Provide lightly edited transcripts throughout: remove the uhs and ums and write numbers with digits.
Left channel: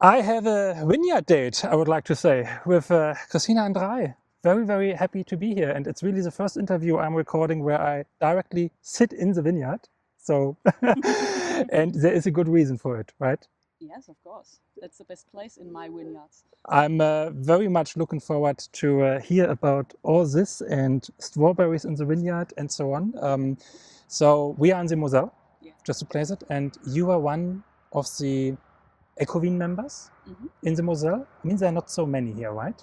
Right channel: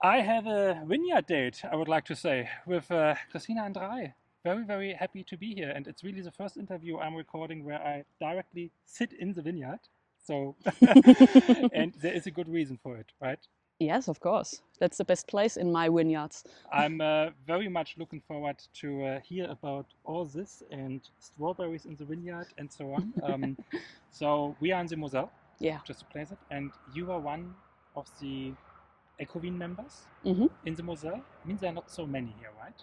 I have a vineyard date, I would like to say, with Christina Andrae. Very, very happy to be here. And it's really the first interview I'm recording where I directly sit in the vineyard. So, and there is a good reason for it, right? Yes, of course. That's the best place in my vineyards. I'm very much looking forward to hear about all this and strawberries in the vineyard and so on. So we are in the Mosel, Yeah. just to place it. And you are one of the Ecovin members in the Mosel. I mean, there are not so many here, right?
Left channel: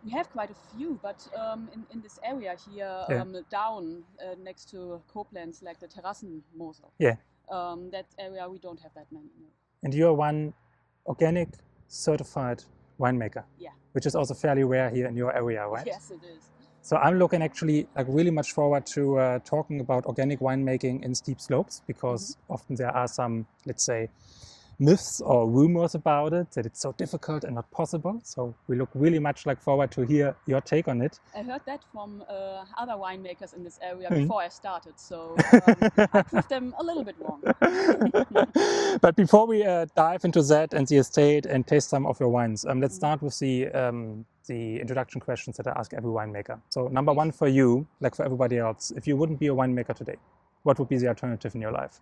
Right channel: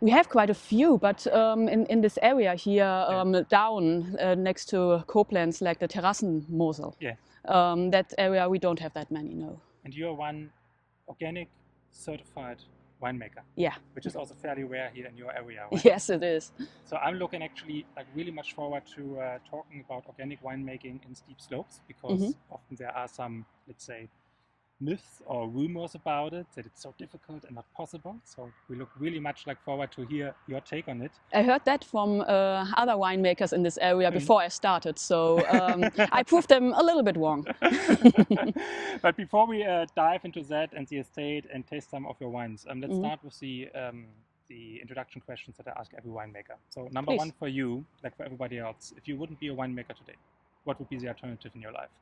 We have quite a few, but in this area here down next to Koblenz, like the German Mosel, that area we don't have that many, no. And you are one organic certified winemaker, which is also fairly rare here in your area, right? Yes, it is. So I'm looking actually like really much forward to talking about organic winemaking in steep slopes, because often there are some, let's say, myths or rumors about it, that it's so difficult and not possible. So we look really much like forward to hear your take on it. I heard that from other winemakers in this area before I started, so I proved them a little bit wrong. But before we dive into that and the estate and taste some of your wines, let's start with the introduction questions that I ask every winemaker. So number one for you, like for everybody else, if you wouldn't be a winemaker today, what would be the alternative in your life?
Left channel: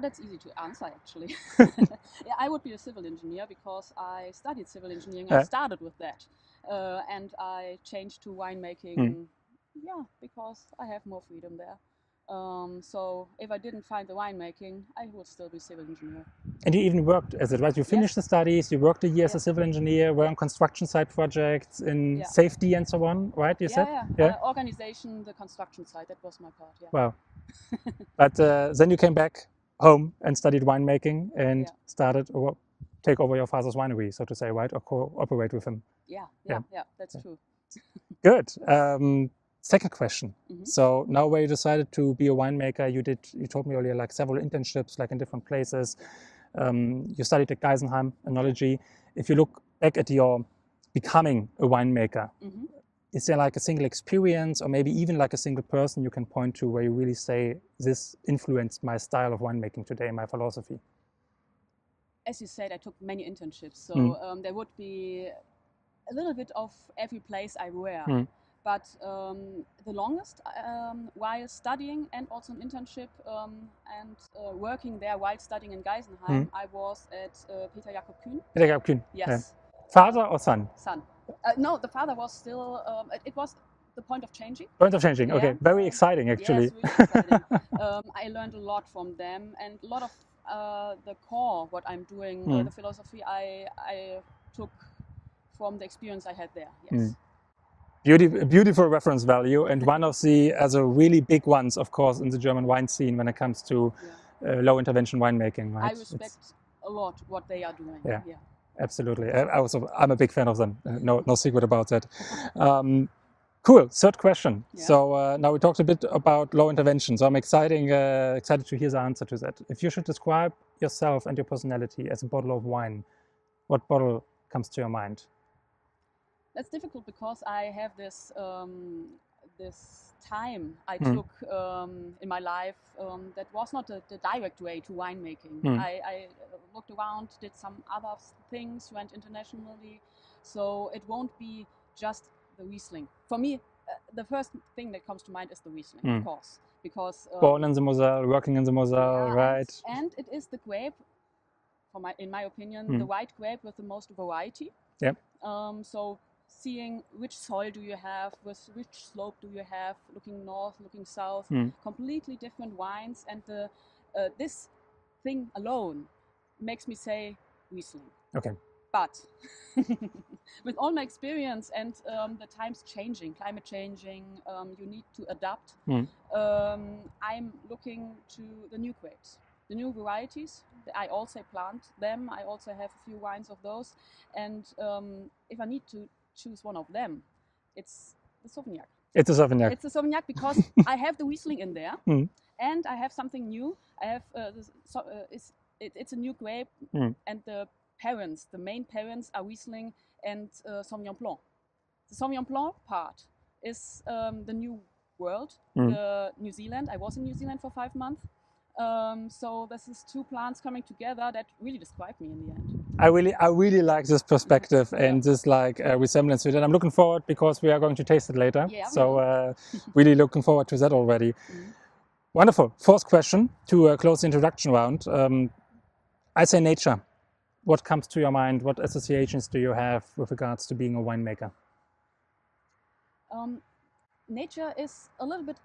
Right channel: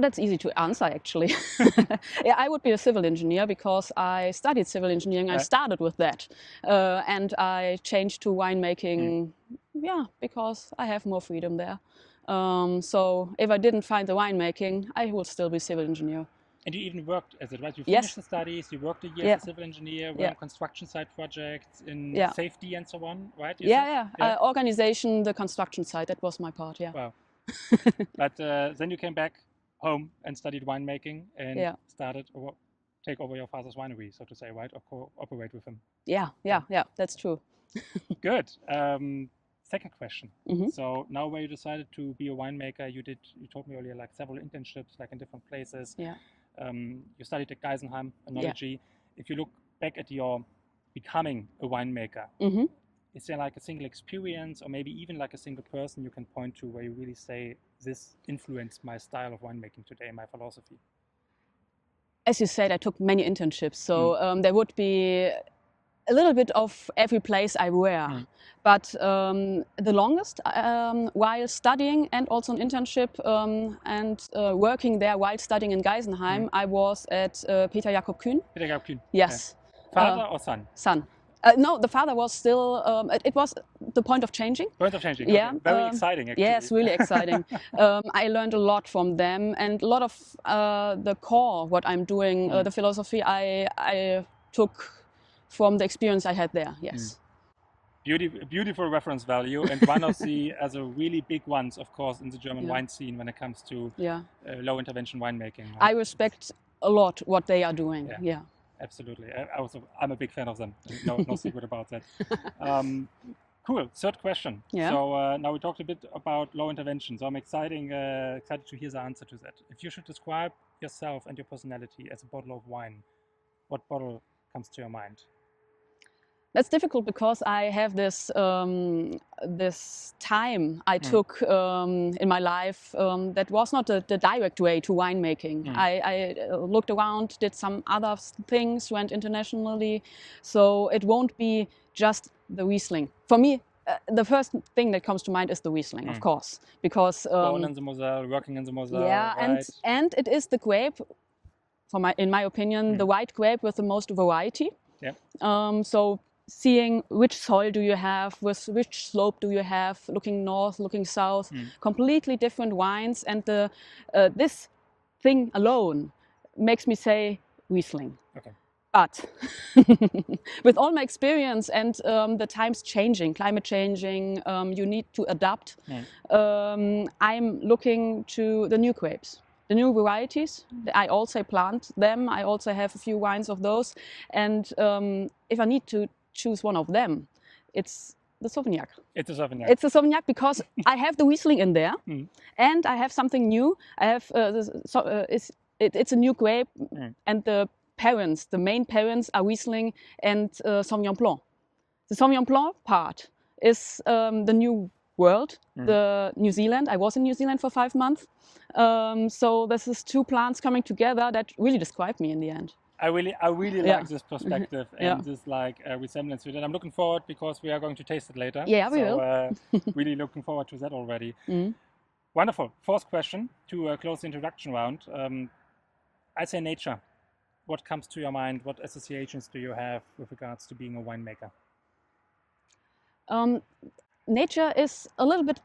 That's easy to answer, actually. Yeah, I would be a civil engineer because I studied civil engineering. I started with that, and I changed to winemaking. Yeah, because I have more freedom there. So if I didn't find the winemaking, I would still be civil engineer. And you even worked as it, right? You finished the studies, you worked a year as a civil engineer, were on construction site projects, in safety and so on, right? You said? Organization, the construction site, that was my part, Wow. But then you came back home and studied winemaking and started or take over your father's winery, so to say, right? Or cooperate with him. Yeah, that's true. Good. Second question. So now where you decided to be a winemaker, you told me earlier, like several internships, like in different places. You studied at Geisenheim, enology. If you look back at your becoming a winemaker, is there like a single experience or maybe even like a single person you can point to where you really say, this influenced my style of winemaking today, my philosophy? As you said, I took many internships. So there would be a little bit of every place I were. But the longest while studying and also an internship and working there while studying in Geisenheim, I was at Peter Jakob Kühn. Peter Jakob Kühn. Yes. Father or son? Son. No, the father was still, it was the point of changing. Point of changing, okay. Very exciting, actually. Yes, really exciting. I learned a lot from them, and a lot of the core, what I'm doing, the philosophy I took from the experience I had there, yes. Beautiful reference value, and one of the really big ones, of course, in the German wine scene when it comes to low intervention winemaking. Right? I respect a lot what they are doing, Absolutely. I'm a big fan of them. No secret about that. Cool. Third question. So now we talked a bit about low intervention. So I'm excited to hear the answer to that. If you should describe yourself and your personality as a bottle of wine, what bottle comes to your mind? That's difficult because I have this this time I took in my life that was not the direct way to winemaking. I looked around, did some other things, went internationally, so it won't be just the Riesling. For me, the first thing that comes to mind is the Riesling, of course, because born in the Mosel, working in the Mosel, right? And it is the grape, in my opinion, the white grape with the most variety. So seeing which soil do you have, with which slope do you have, looking north, looking south, completely different wines, and this thing alone makes me say Riesling. Okay. But with all my experience and the times changing, climate changing, you need to adapt. I'm looking to the new grapes, the new varieties. I also plant them. I also have a few wines of those. And if I need to choose one of them, it's the Sauvignac. It's a Sauvignac. It's a Sauvignac because I have the Riesling in there, and I have something new. I have it's a new grape, and the main parents are Riesling and Sauvignon Blanc. The Sauvignon Blanc part is the new world, the New Zealand. I was in New Zealand for 5 months. So this is two plants coming together that really describe me in the end. I really like this perspective and this like resemblance to it. And I'm looking forward because we are going to taste it later. Yeah, we will. Really looking forward to that already. Wonderful. Fourth question to close the introduction round. I say nature. What comes to your mind? What associations do you have with regards to being a winemaker? Nature is a little bit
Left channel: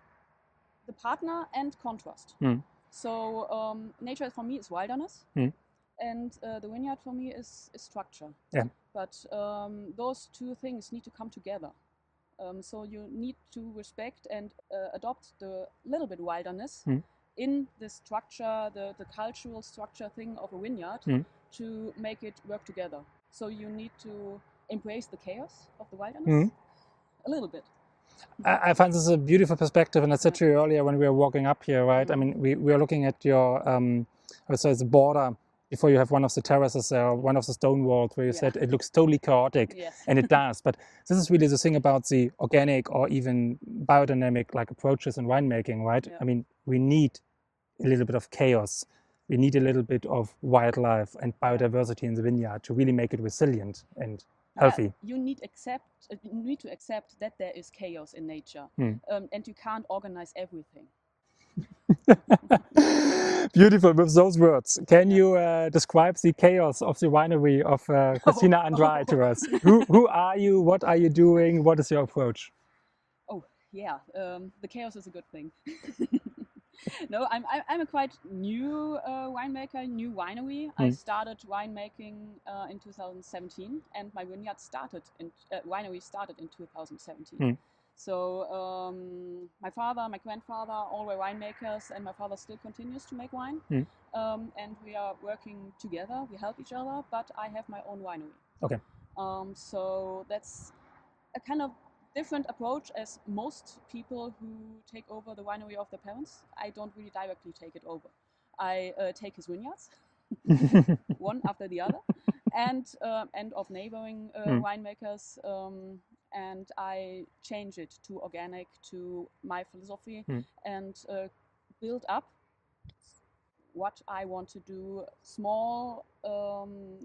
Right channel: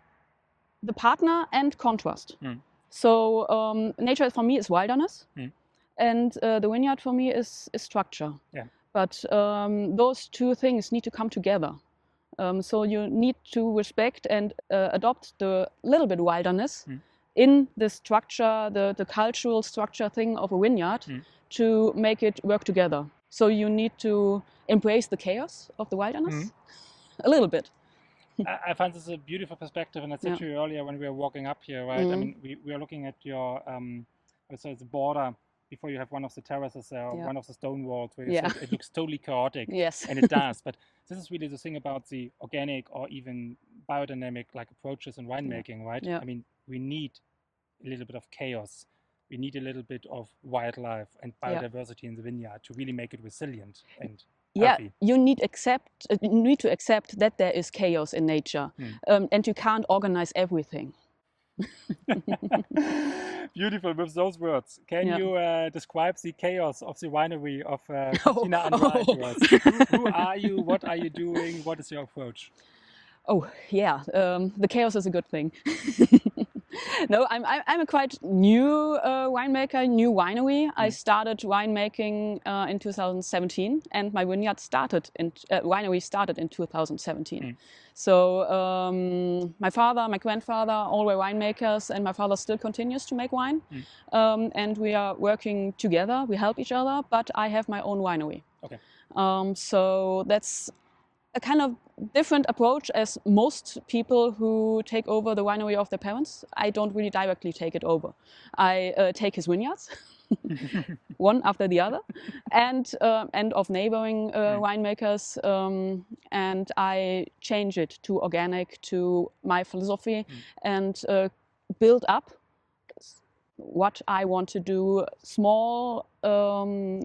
the partner and contrast. So nature for me is wilderness, and the vineyard for me is structure. Yeah. But those two things need to come together. So you need to respect and adopt the little bit wilderness in the structure, the cultural structure thing of a vineyard to make it work together. So you need to embrace the chaos of the wilderness a little bit. I find this a beautiful perspective, and I said to you earlier when we were walking up here, right? I mean, we are looking at your, so it's a border before you have one of the terraces there, one of the stone walls where you said it looks totally chaotic, and it does. But this is really the thing about the organic or even biodynamic like approaches in winemaking, right? I mean, we need a little bit of chaos. We need a little bit of wildlife and biodiversity in the vineyard to really make it resilient and healthy. You need to accept that there is chaos in nature, and you can't organize everything. Beautiful. With those words, can you describe the chaos of the winery of Christina Andrae to us? Who are you? What are you doing? What is your approach? Oh yeah, the chaos is a good thing. No, I'm a quite new winemaker, new winery. I started winemaking in 2017, and my vineyard started winery started in 2017. So my father, my grandfather, all were winemakers, and my father still continues to make wine. And we are working together. We help each other, but I have my own winery. Okay. So that's a kind of different approach as most people who take over the winery of their parents. I don't really directly take it over. I take his vineyards, one after the other, and of neighboring winemakers, and I change it to organic, to my philosophy, and build up what I want to do, small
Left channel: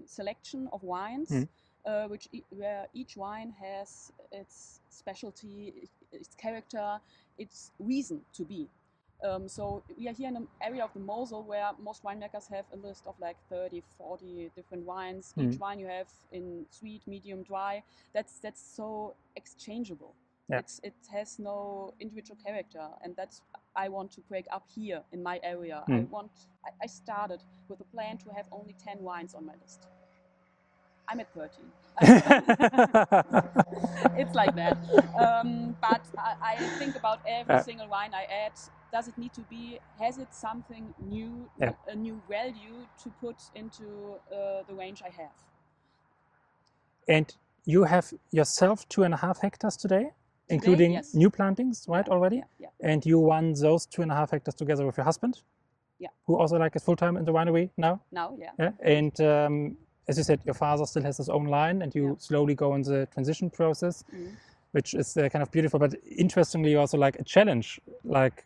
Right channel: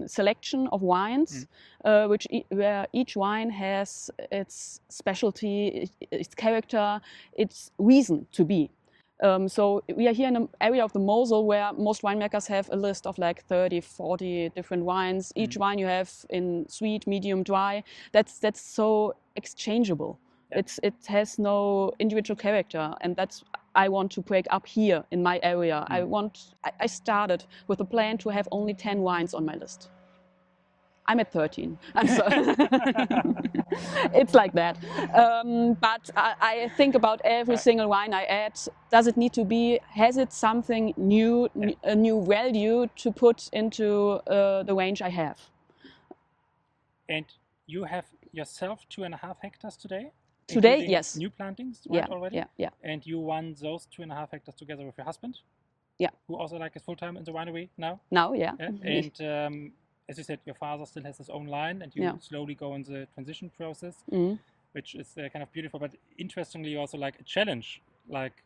selection of wines, where each wine has its specialty, its character, its reason to be. So we are here in an area of the Mosel where most winemakers have a list of like 30, 40 different wines. Each wine you have in sweet, medium, dry. That's so exchangeable. Yeah. It has no individual character, and that's I want to break up here in my area. I started with a plan to have only 10 wines on my list. I'm at 13. It's like that. But I think about every single wine I add. Does it need to be, has it something new, a new value to put into the range I have? And you have yourself 2.5 hectares today? Today, including yes. New plantings, right, already? Yeah, yeah. And you run those 2.5 hectares together with your husband? Yeah. Who also like is full-time in the winery now? Now, yeah. And as you said, your father still has his own line and you slowly go in the transition process, which is kind of beautiful. But interestingly, also like a challenge, like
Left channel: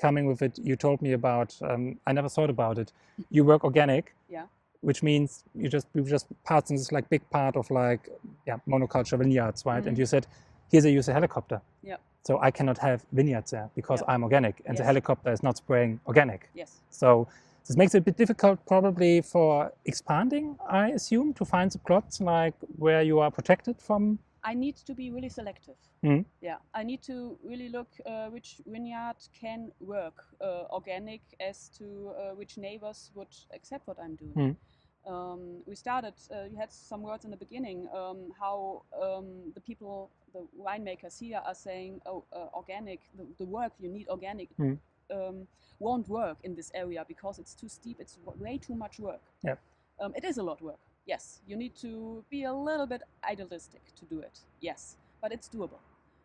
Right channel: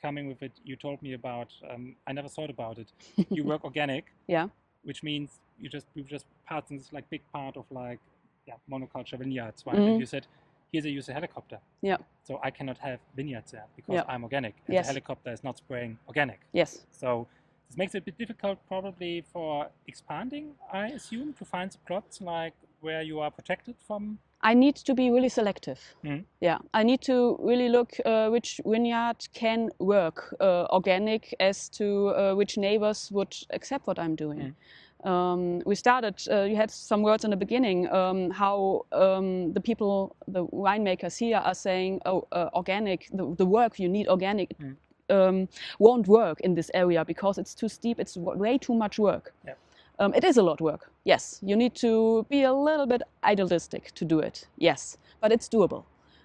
coming with it, you told me about, I never thought about it. You work organic. Yeah. Which means you just parts in this like big part of like, monoculture vineyards, right? And you said, here they use a helicopter. Yeah. So I cannot have vineyards there because I'm organic and the helicopter is not spraying organic. Yes. So this makes it a bit difficult probably for expanding, I assume, to find the plots like where you are protected from. I need to be really selective. Yeah, I need to really look which vineyard can work organic as to which neighbors would accept what I'm doing. We started, you had some words in the beginning, how the people, the winemakers here are saying, oh, organic, the work you need organic won't work in this area because it's too steep, it's way too much work. Yeah. It is a lot of work, yes. You need to be a little bit idealistic to do it, yes, but it's doable.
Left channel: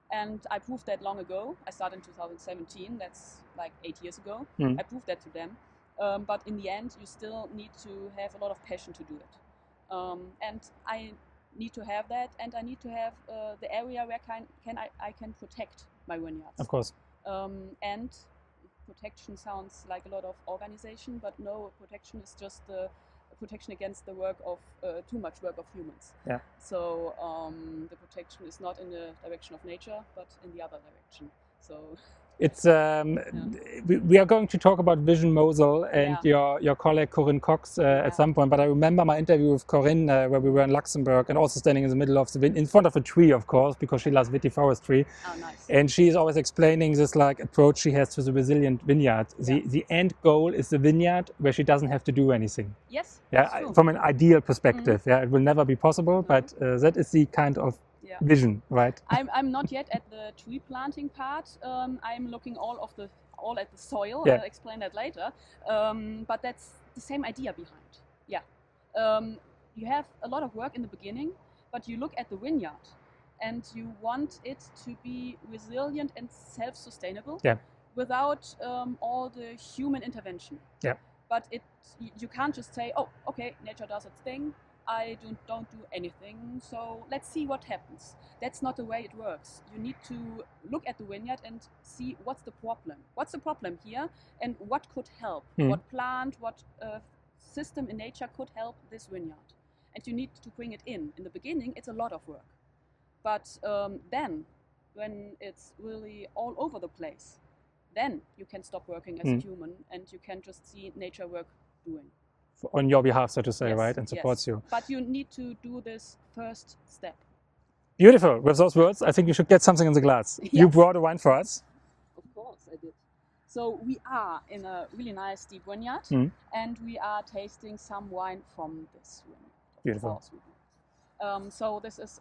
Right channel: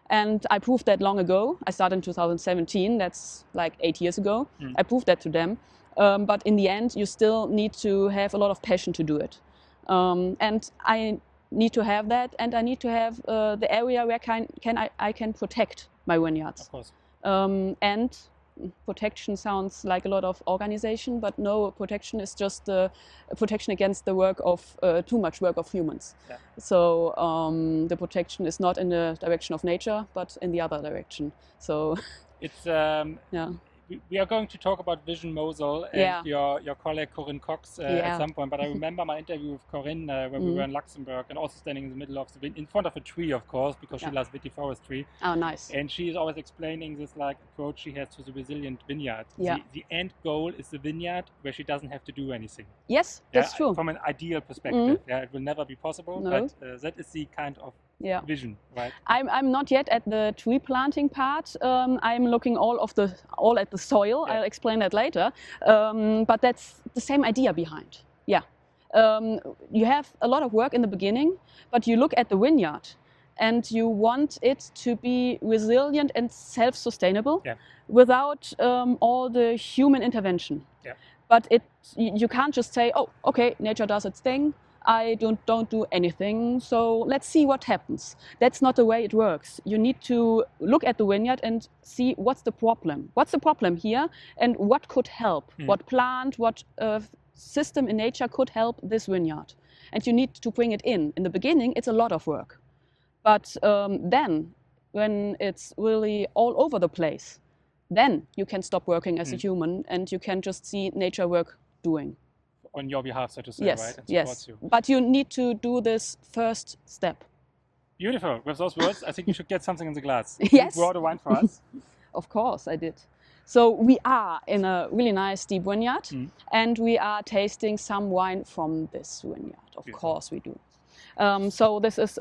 And I proved that long ago. I started in 2017, that's like 8 years ago. I proved that to them. But in the end, you still need to have a lot of passion to do it. And I need to have that, and I need to have the area where I can protect my vineyards. Of course. And protection sounds like a lot of organization, but no, protection is just protection against the work of too much work of humans. Yeah. So the protection is not in the direction of nature, but in the other direction. So it's we are going to talk about Vision Mosel and your colleague Corinne Cox at some point. But I remember my interview with Corinne where we were in Luxembourg and also standing in the middle of the in front of a tree, of course, because she loves vitiforestry. Oh, nice. And she's always explaining this like approach she has to the resilient vineyard. The end goal is the vineyard where she doesn't have to do anything. Yes, that's true. From an ideal perspective, it will never be possible, but that is the kind of vision, right? I'm not yet at the tree planting part. I'm looking all at the soil. I'll explain that later. But that's the same idea behind. Yeah, you have a lot of work in the beginning, but you look at the vineyard, and you want it to be resilient and self-sustainable without all the human intervention. Yeah. But you can't just say, oh, okay, nature does its thing. I don't do anything, so let's see what happens. That's not the way it works. You need to look at the vineyard and see what's the problem. What's the problem here, and what could help? What plant, what system in nature could help this vineyard? And you need to bring it in. In the beginning, it's a lot of work. But then, when it's really all over the place, then you can stop working as a human and you can just see nature work doing. On your behalf, so to say, right? And supports you. But you need to do this first step. Beautiful. With those words, I think you should get something in the glass. Yes. You brought a wine for us. Of course, I did. So we are in a really nice deep vineyard, and we are tasting some wine from this vineyard. Of course we do. So this is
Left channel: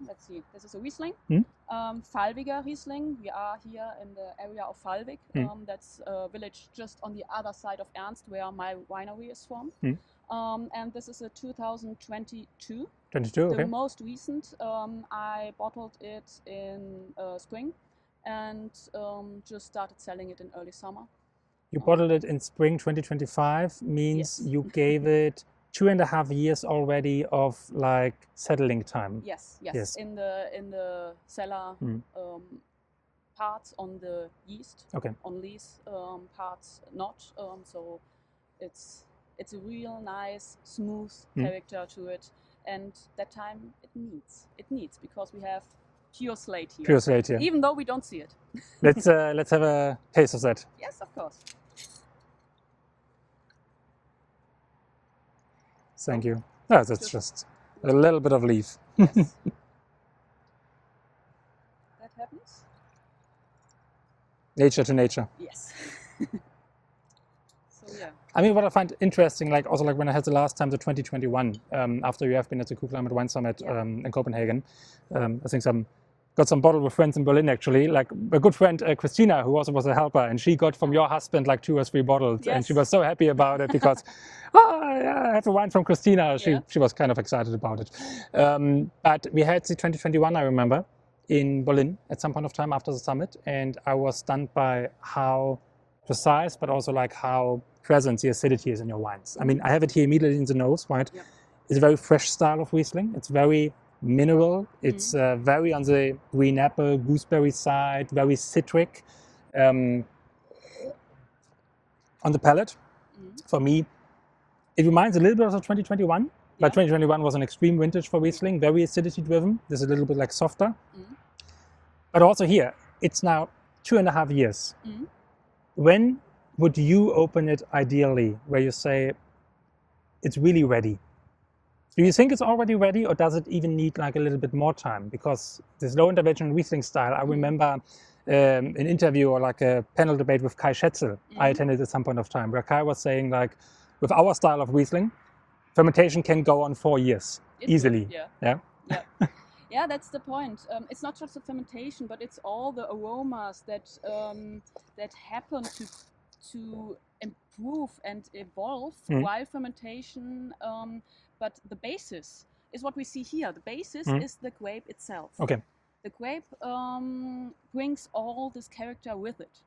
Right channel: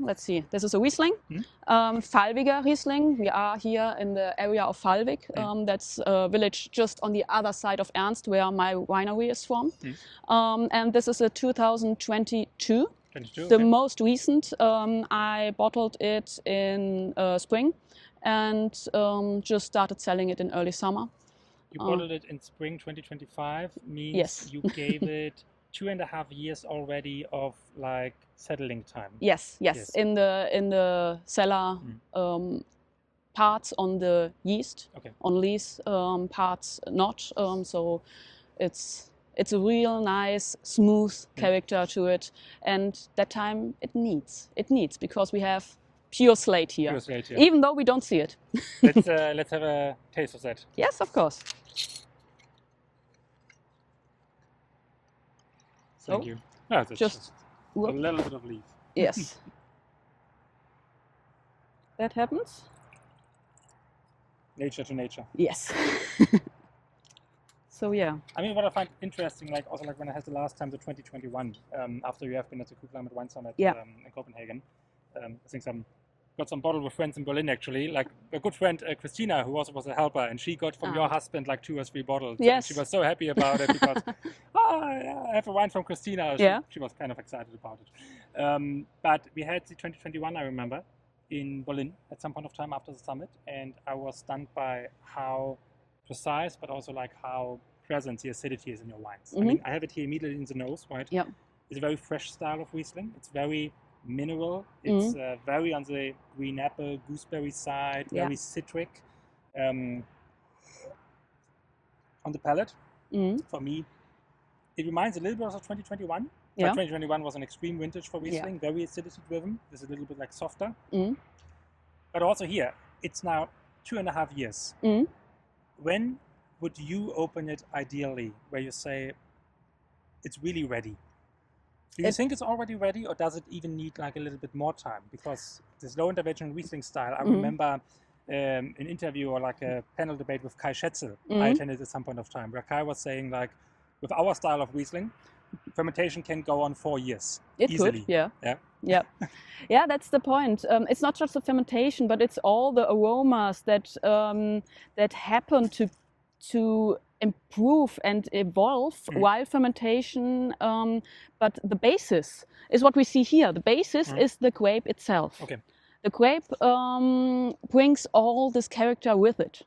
let's see, this is a Riesling, Valwiger Riesling. We are here in the area of Valwig. That's a village just on the other side of Ernst, where my winery is from. And this is a 2022. The most recent. I bottled it in spring and just started selling it in early summer. You bottled it in spring 2025, means you gave it 2.5 years already of like settling time. Yes. In the cellar parts on the yeast, on lees parts not. So it's a real nice smooth character to it, and that time it needs because we have pure slate here. Pure slate here. Even though we don't see it. Let's have a taste of that. Yes, of course. Thank you. No, that's just a little bit of leaf. Yes. That happens. Nature to nature. Yes. So yeah. I mean, what I find interesting, like also like when I had the last time, the 2021, after you have been at the Climate Wine Summit in Copenhagen, I think got some bottle with friends in Berlin actually, like a good friend, Christina, who also was a helper, and she got from your husband like 2 or 3 bottles, and she was so happy about it because, I have a wine from Christina. She was kind of excited about it. But we had the 2021, I remember, in Berlin at some point of time after the summit, and I was stunned by how precise, but also like how present the acidity is in your wines. I mean, I have it here immediately in the nose, right? Yep. It's a very fresh style of Riesling. It's very mineral. It's very on the green apple, gooseberry side, very citric. On the palate, for me, it reminds a little bit of 2021. But 2021 was an extreme vintage for Riesling, very acidity driven. This is a little bit like softer. But also here, it's now 2.5 years. When would you open it ideally, where you say it's really ready? Do you think it's already ready, or does it even need like a little bit more time? Because this low intervention Riesling style, I remember an interview or like a panel debate with Kai Schätzel I attended at some point of time, where Kai was saying like, with our style of Riesling, fermentation can go on 4 years easily. Could, yeah, that's the point. It's not just the fermentation, but it's all the aromas that that happen to improve and evolve while fermentation. But the basis is what we see here. The basis is the grape itself. Okay. The grape brings all this character with it.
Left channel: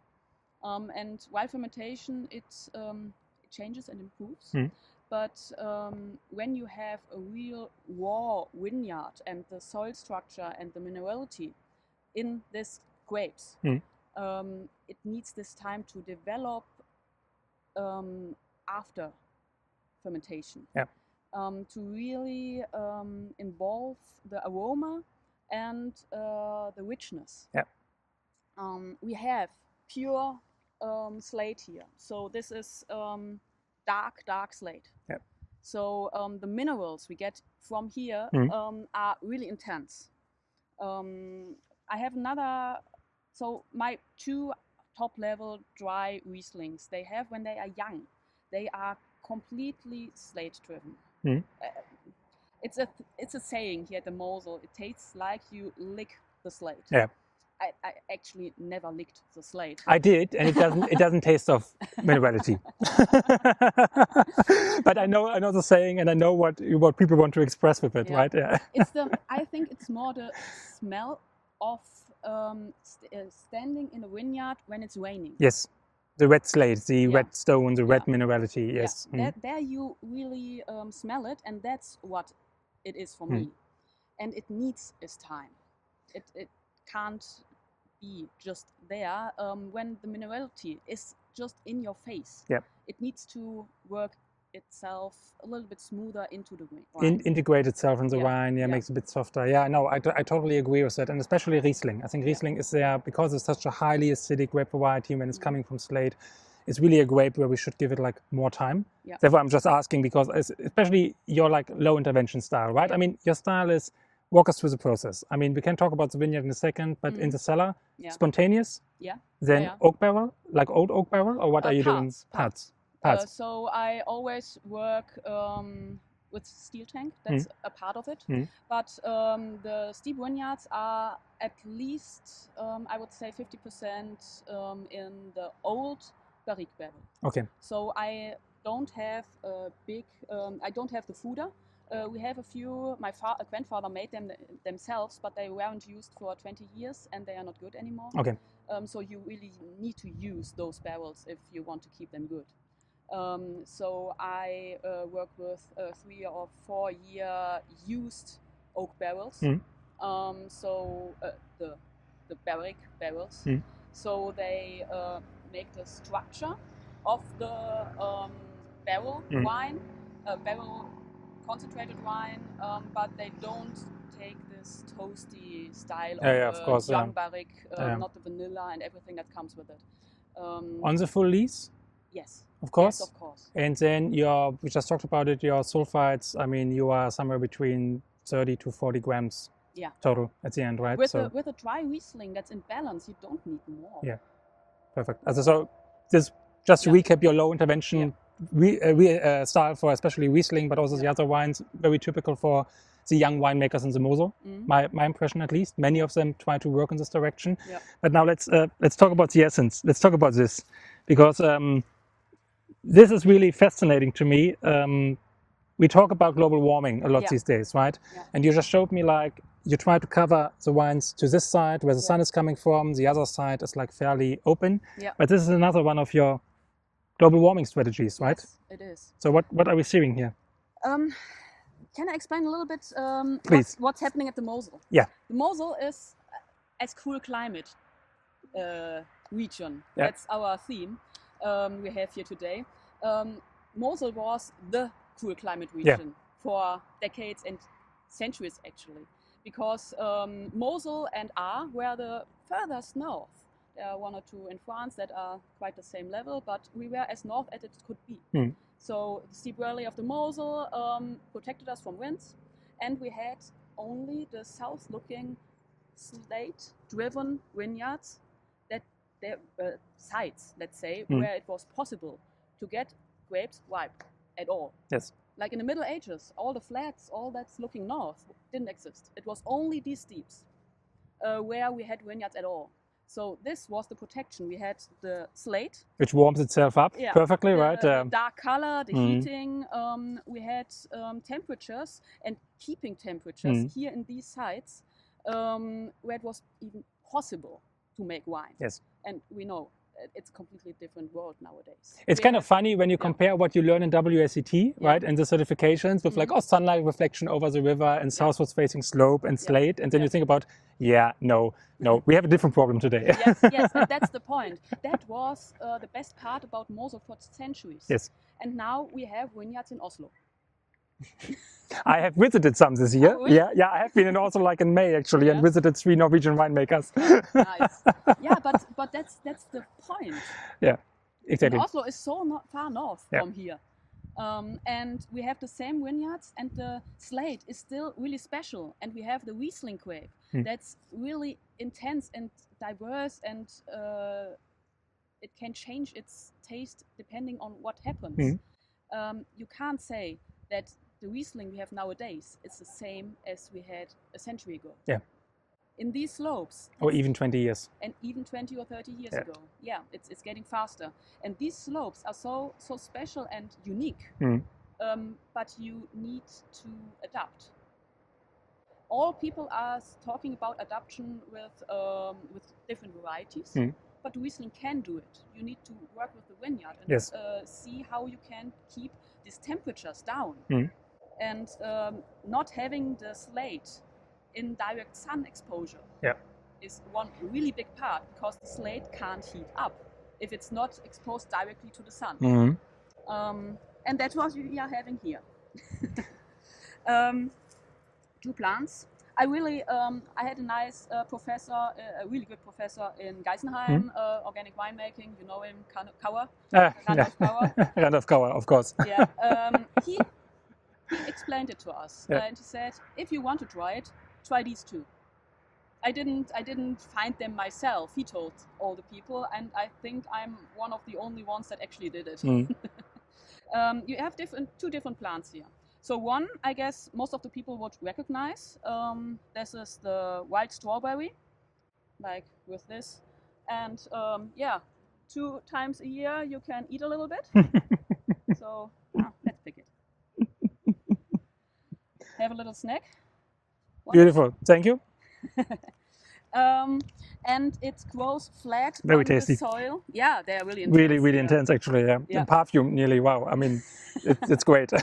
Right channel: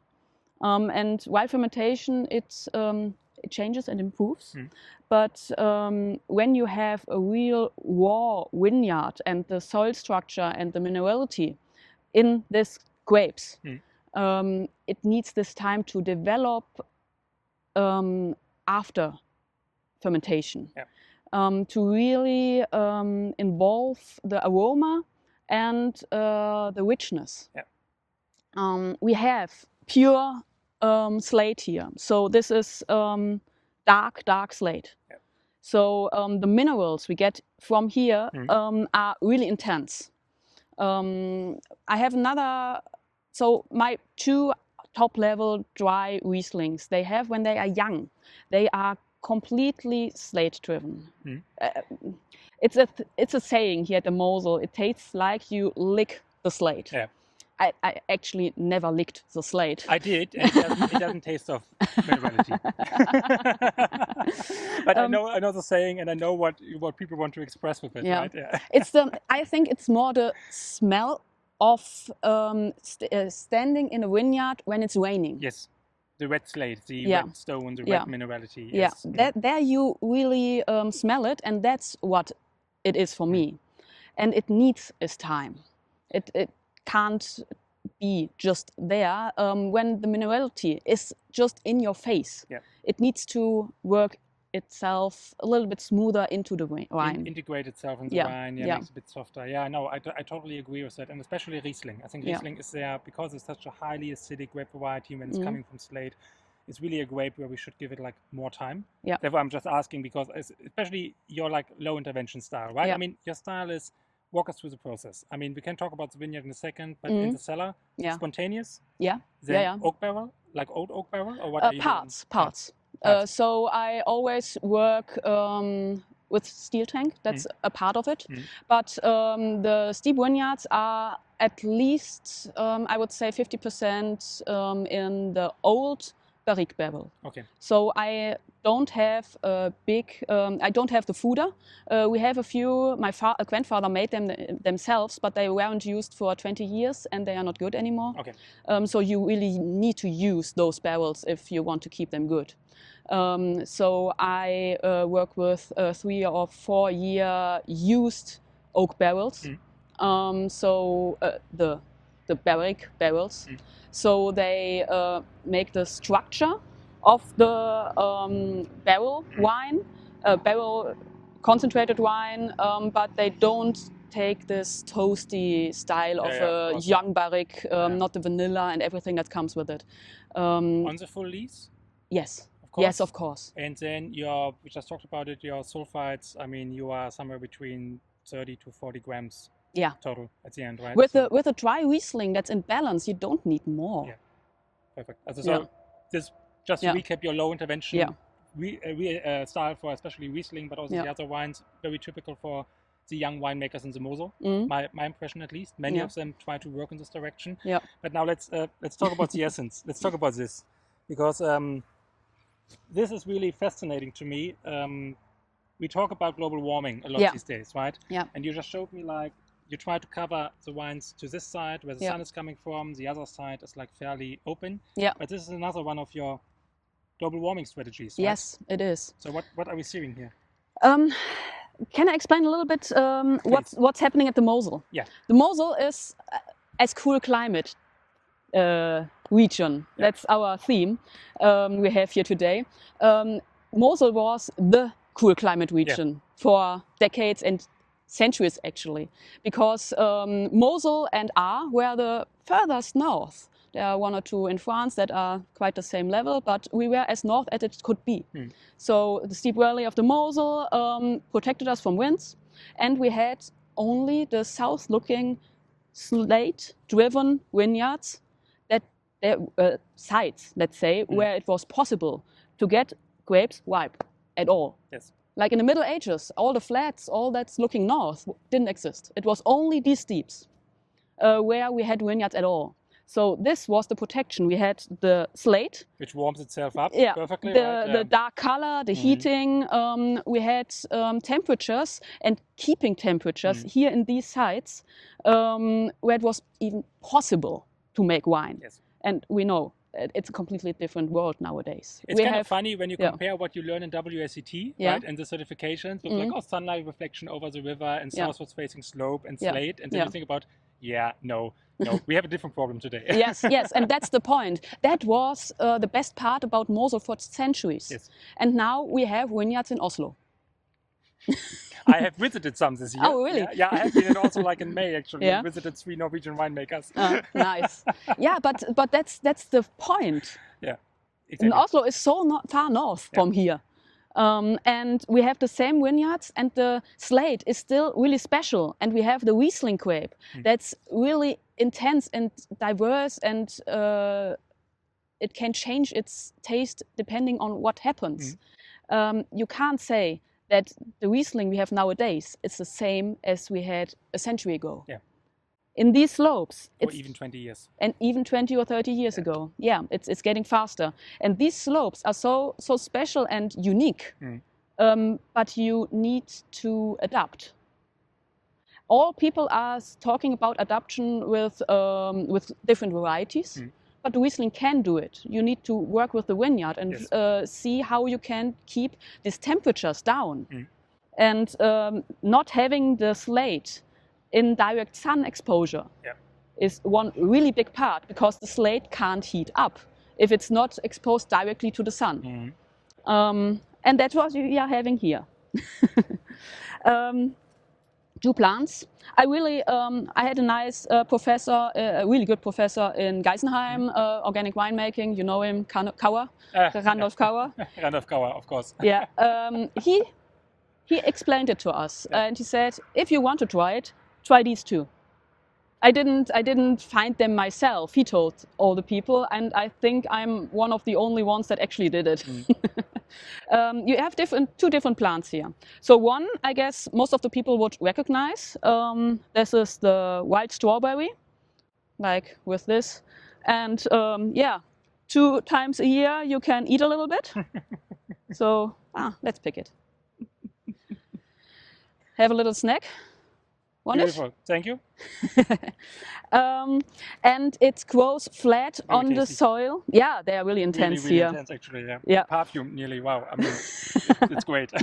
And while fermentation, it changes and improves. But when you have a real raw vineyard and the soil structure and the minerality in these grapes, it needs this time to develop after fermentation, to really involve the aroma and the richness. We have pure slate here, so this is dark slate. So the minerals we get from here are really intense. I have another, so my 2 top-level dry Rieslings, they have, when they are young, they are completely slate-driven. It's a saying here at the Mosel, it tastes like you lick the slate. I actually never licked the slate. I did, and it doesn't taste of minerality. But I know the saying, and I know what people want to express with it, right? I think it's more the smell of standing in a vineyard when it's raining. Yes, the red slate, the red stone, the red minerality. Yes. There you really smell it, and that's what it is for me. And it needs its time. It can't be just there when the minerality is just in your face. It needs to work itself a little bit smoother into the wine. Integrate itself in the wine, makes it a bit softer. I totally agree with that, and especially Riesling. I think Riesling is there because it's such a highly acidic grape variety when it's coming from slate. It's really a grape where we should give it like more time. Therefore, I'm just asking because especially your like low intervention style, right? I mean, your style is walk us through the process. I mean, we can talk about the vineyard in a second, but in the cellar, spontaneous. Then oak barrel, like old oak barrel, or what are you doing? Parts. So I always work with steel tank. That's a part of it. But the steep vineyards are at least, I would say, 50% in the old barrique barrel. So I don't have a big, I don't have the fooder. We have a few, my grandfather made them themselves, but they weren't used for 20 years and they are not good anymore. So you really need to use those barrels if you want to keep them good. So I work with 3 or 4 year used oak barrels. So the barrique barrels. So they make the structure of the barrel wine, barrel concentrated wine, but they don't take this toasty style of young barrique, not the vanilla and everything that comes with it. On the full lees? Yes. Of course. Yes, of course. And then we just talked about it, your sulfites, I mean, you are somewhere between 30 to 40 grams total at the end, right? With a dry Riesling that's in balance, you don't need more. Perfect. So this, just to recap your low intervention style for especially Riesling, but also the other wines, very typical for the young winemakers in the Mosel. My impression, at least, many of them try to work in this direction. But now let's talk about the essence. Let's talk about this, because this is really fascinating to me. We talk about global warming a lot these days, right? And you just showed me like you try to cover the wines to this side where the sun is coming from. The other side is like fairly open. But this is another one of your global warming strategies, right? Yes, it is. So what are we seeing here? Can I explain a little bit what's happening at the Mosel? The Mosel is as cool climate region. That's our theme we have here today. Mosel was the cool climate region for decades and centuries, actually, because Mosel and Ahr were the furthest north. There are 1 or 2 in France that are quite the same level, but we were as north as it could be. So the steep valley of the Mosel protected us from winds, and we had only the south-looking slate-driven vineyards, that sites, let's say, where it was possible to get grapes ripe at all. Like in the Middle Ages, all the flats, all that's looking north didn't exist. It was only these steeps where we had vineyards at all. So this was the protection. We had the slate, which warms itself up perfectly, right? The dark color, the heating. We had temperatures and keeping temperatures here in these sites where it was even possible to make wine. And we know it's a completely different world nowadays. It's kind of funny when you compare what you learn in WSET, right, and the certifications with like, sunlight reflection over the river and southwards facing slope and slate, and then you think about, no, we have a different problem today. Yes, and that's the point. That was the best part about Mosel for centuries. Yes. And now we have vineyards in Oslo. I have visited some this year. Oh, really? Yeah, I have been in also like in May actually and visited 3 Norwegian winemakers. Nice. Yeah, but that's the point. Yeah, exactly. And Oslo is so far north from here. And we have the same vineyards, and the slate is still really special. And we have the Riesling grape that's really intense and diverse, and it can change its taste depending on what happens. You can't say that the Riesling we have nowadays is the same as we had a century ago. Yeah. In these slopes. Or even 20 years. And even 20 or 30 years ago. Yeah, it's getting faster. And these slopes are so special and unique. But you need to adapt. All people are talking about adaptation with different varieties. But the Riesling can do it. You need to work with the vineyard and see how you can keep these temperatures down. And not having the slate in direct sun exposure is one really big part, because the slate can't heat up if it's not exposed directly to the sun. And that's what we are having here. 2 plants. I had a nice professor, a really good professor in Geisenheim, organic winemaking. You know him, Kauer, Randolph Kauer. Randolph Kauer, of course. Yeah, he explained it to us, and he said, if you want to try it, try these 2. I didn't find them myself. He told all the people, and I think I'm one of the only ones that actually did it. You have 2 different plants here. So one, I guess, most of the people would recognize. This is the wild strawberry, like with this. And 2 times a year you can eat a little bit. So let's pick it. Have a little snack. Beautiful, thank you. And it grows flat on the soil. Yeah, they are really intense. Really intense, actually. Yeah. And perfume, nearly. Wow. I mean, it's great.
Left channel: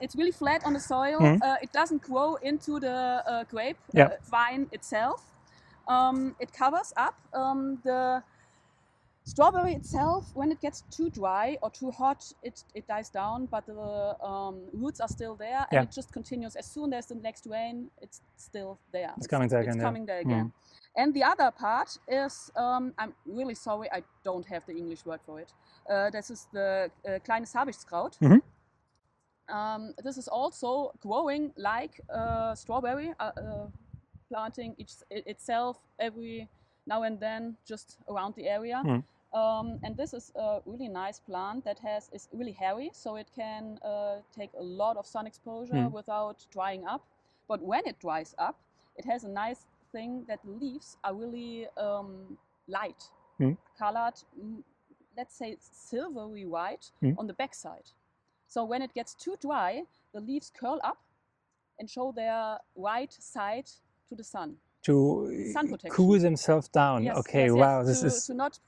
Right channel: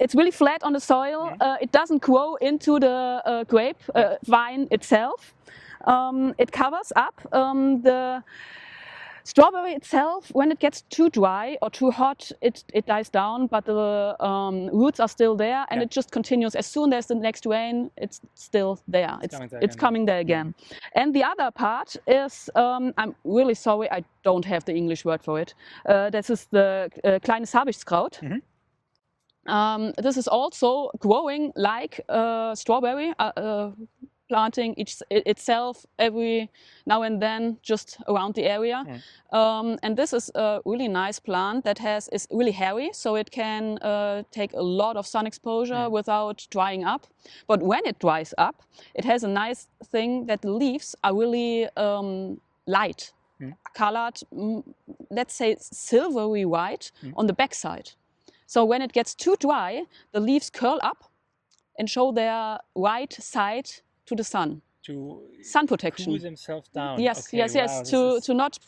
It's really flat on the soil. It doesn't grow into the grape vine itself. It covers up the strawberry itself. When it gets too dry or too hot, it dies down, but the roots are still there, and it just continues. As soon as the next rain, it's still there. It's coming there again. And the other part is, I'm really sorry, I don't have the English word for it. This is the Kleines Habichtskraut. This is also growing like strawberry, planting itself every now and then just around the area. And this is a really nice plant that is really hairy, so it can take a lot of sun exposure without drying up. But when it dries up, it has a nice thing that the leaves are really light, colored, let's say silvery white on the backside. So when it gets too dry, the leaves curl up and show their right side to the sun. To sun protection. Cool themselves down. Yes, okay, yes, wow, yes. To not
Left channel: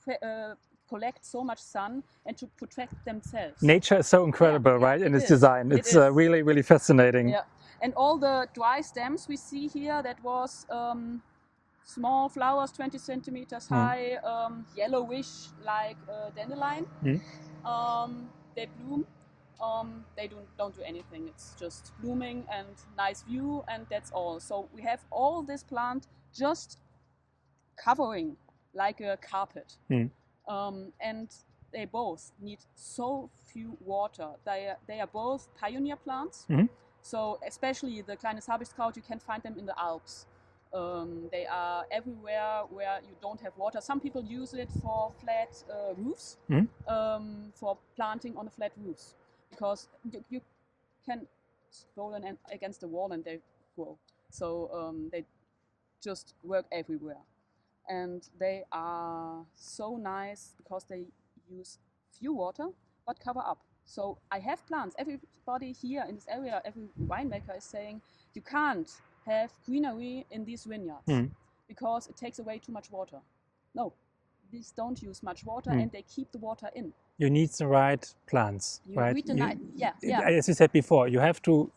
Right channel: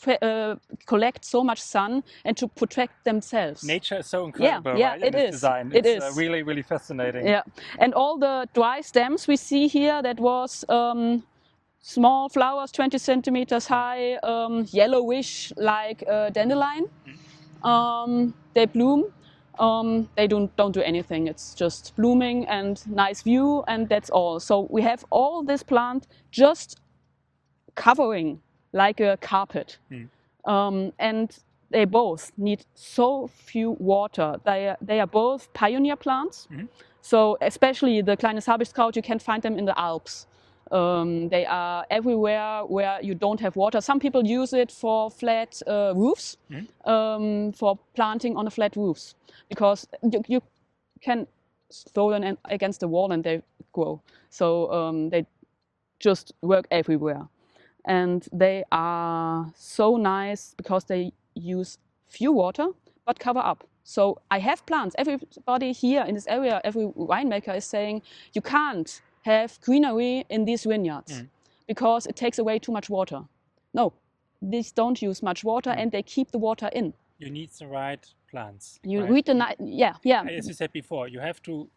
collect so much sun and to protect themselves. Nature is so incredible, right? In its design. It's really, really fascinating. Yeah, and all the dry stems we see here, that was small flowers, 20 centimeters high, yellowish like dandelion. They bloom. They don't do anything. It's just blooming and nice view, and that's all. So we have all this plant just covering like a carpet. And they both need so few water. They are both pioneer plants. So especially the Kleines Habichtskraut, you can find them in the Alps. They are everywhere where you don't have water. Some people use it for flat roofs, for planting on the flat roofs. Because you can throw them against the wall and they grow. So they just work everywhere. And they are so nice because they use few water but cover up. So I have plants. Everybody here in this area, every winemaker is saying, you can't have greenery in these vineyards because it takes away too much water. No, these don't use much water and they keep the water in. You need the right plants. You right? read the yeah. As you said before, you have to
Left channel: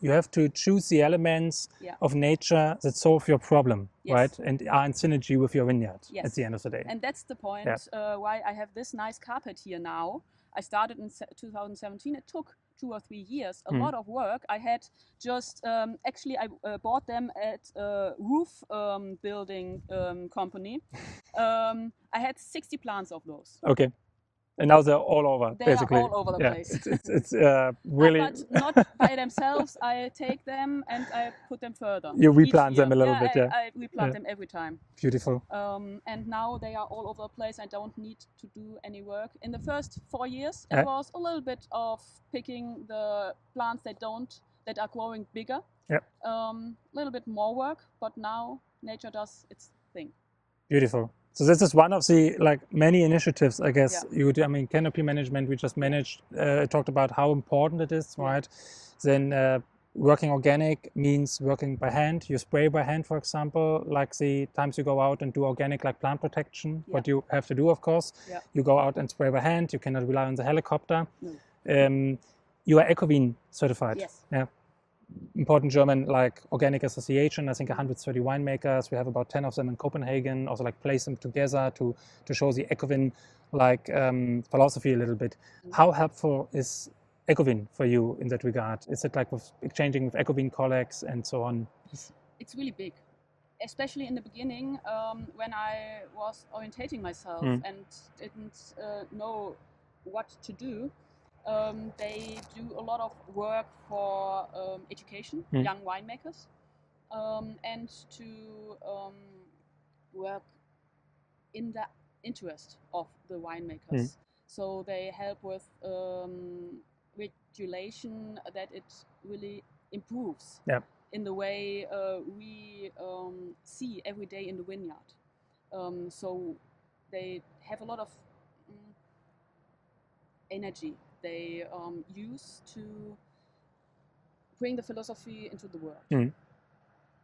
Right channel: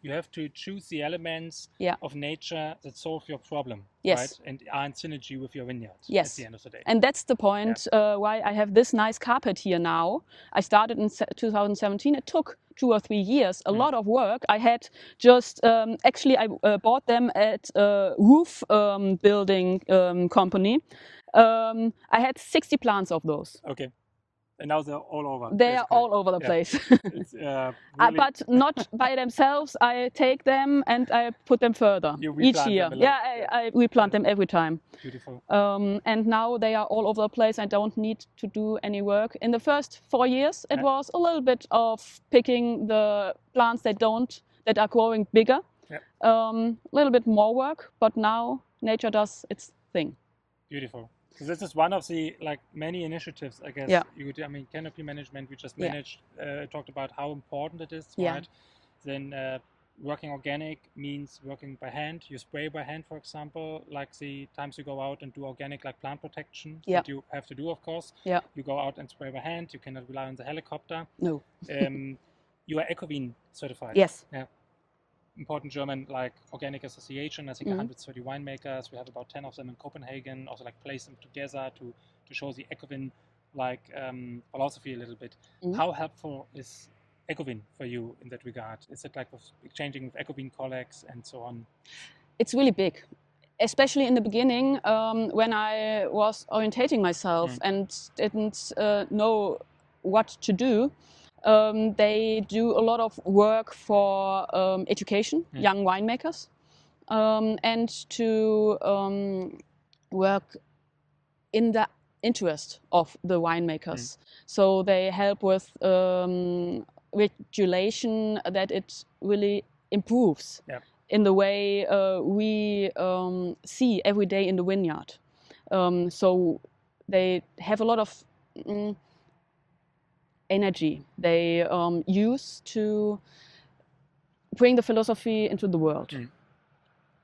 choose the elements of nature that solve your problem, right? And are in synergy with your vineyard at the end of the day. And that's the point why I have this nice carpet here now. I started in 2017. It took 2 or 3 years, a lot of work. I had just, actually I bought them at a roof building company. I had 60 plants of those. Okay. And now they're all over. They basically. are all over the place. It's really... but not by themselves. I take them and I put them further. You replant each year. them a little bit, I replant them every time. Beautiful. And now they are all over the place. I don't need to do any work. In the first 4 years, it was a little bit of picking the plants that are growing bigger. A little bit more work, but now nature does its thing. Beautiful. So this is one of the many initiatives, I guess. You do. I mean, canopy management. We just talked about how important it is, right? Then working organic means working by hand. You spray by hand, for example, like the times you go out and do organic, like plant protection. What you have to do, of course. You go out and spray by hand. You cannot rely on the helicopter. No. You are Ecovin certified. Yes. Yeah. Important German organic association. I think 130 winemakers. We have about 10 of them in Copenhagen. Also place them together to show the Ecovin philosophy a little bit. How helpful is Ecovin for you in that regard? Is it with exchanging with Ecovin colleagues and so on? It's really big, especially in the beginning when I was orientating myself and didn't know what to do. They do a lot of work for education, young winemakers, and to work in the interest of the winemakers. So they help with regulation that it really improves in the way we see every day in the vineyard. So they have a lot of energy they use to bring the philosophy into the world,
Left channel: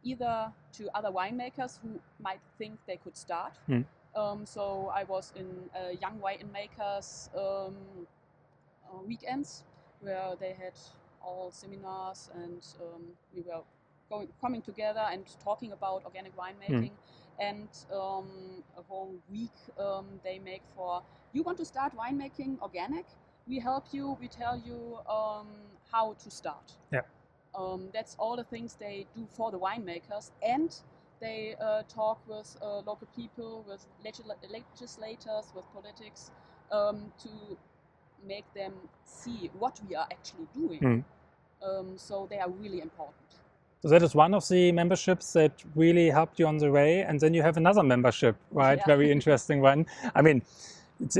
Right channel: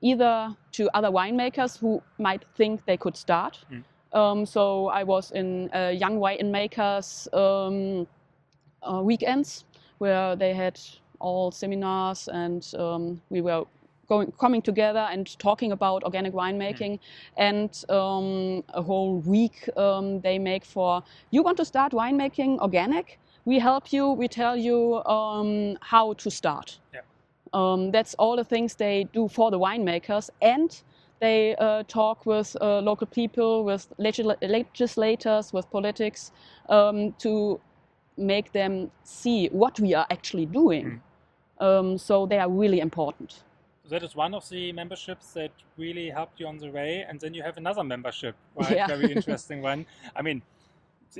either to other winemakers who might think they could start. So I was in young winemakers weekends where they had all seminars and we were coming together and talking about organic winemaking, and a whole week they make for, you want to start winemaking organic? We help you, we tell you how to start. That's all the things they do for the winemakers, and they talk with local people, with legislators, with politics, to make them see what we are actually doing. So they are really important. So that is one of the memberships that really helped you on the way. And then you have another membership, right? Very interesting one. I mean, it's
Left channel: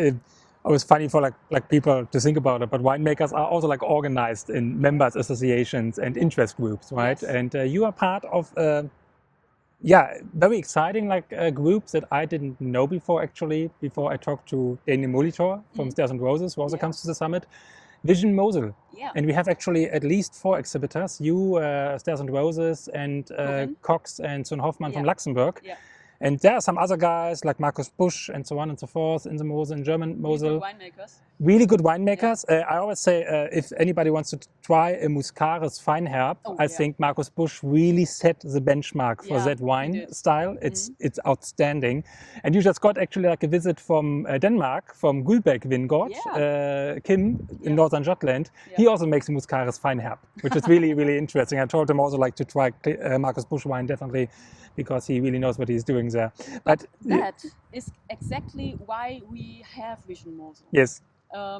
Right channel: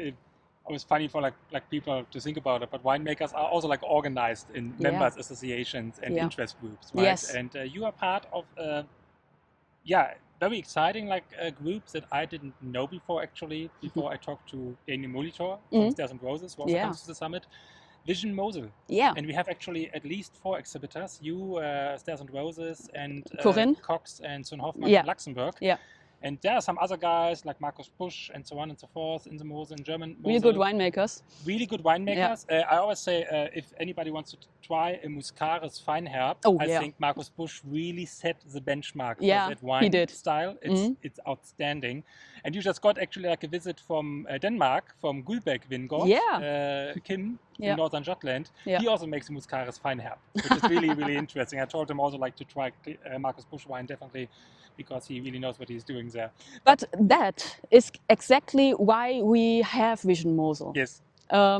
always funny for people to think about it, but winemakers are also organized in members associations and interest groups, right? And you are part of very exciting groups that I didn't know before, actually, before I talked to Daniel Molitor from Stairs and Roses, who also comes to the summit. German Mosel. And we have actually at least 4 exhibitors, you, Stairs and Roses, and Cox and Son Hoffmann from Luxembourg. And there are some other guys like Markus Busch and so on and so forth in the Mosel, in German Mosel. Really good winemakers. Really good winemakers. I always say if anybody wants to try a Muscaris Feinherb, I think Markus Busch really set the benchmark for that wine style. It's outstanding. And you just got actually a visit from Denmark, from Guldbæk Vingård, Kim in Northern Jutland. He also makes a Muscaris Feinherb, which is really, really interesting. I told him also to try Markus Busch wine definitely, because he really knows what he's doing there. But that is exactly why we have German Mosel. Yes.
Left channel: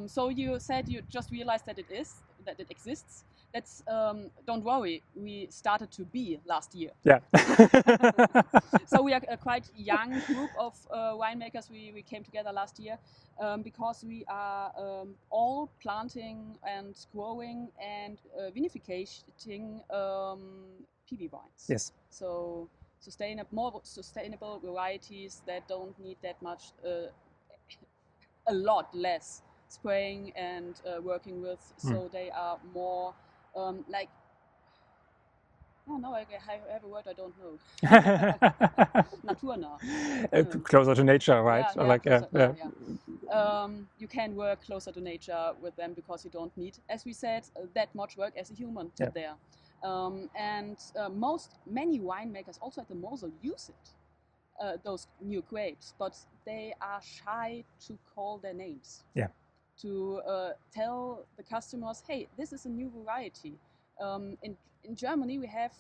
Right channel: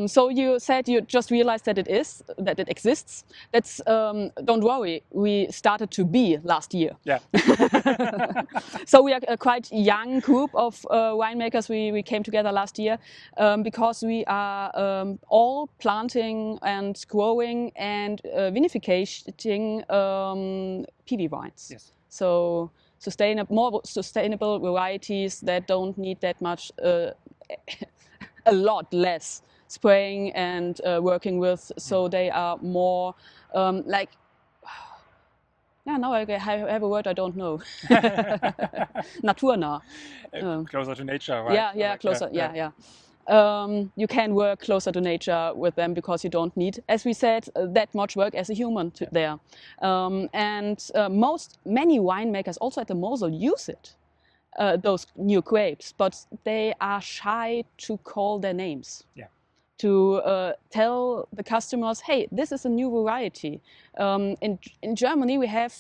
So you said you just realized that it exists. That's don't worry, we started to be last year. So we are a quite young group of winemakers. We came together last year because we are all planting and growing and vinificating PV wines. Yes. So more sustainable varieties that don't need that much, a lot less spraying and working with, so they are more now I have a word I don't know. Naturnah. Closer to nature, right? Yeah, closer. You can work closer to nature with them because you don't need, as we said, that much work as a human there. Many winemakers also at the Mosel use it, those new grapes, but they are shy to call their names. Yeah. To tell the customers, hey, this is a new variety. In Germany, we have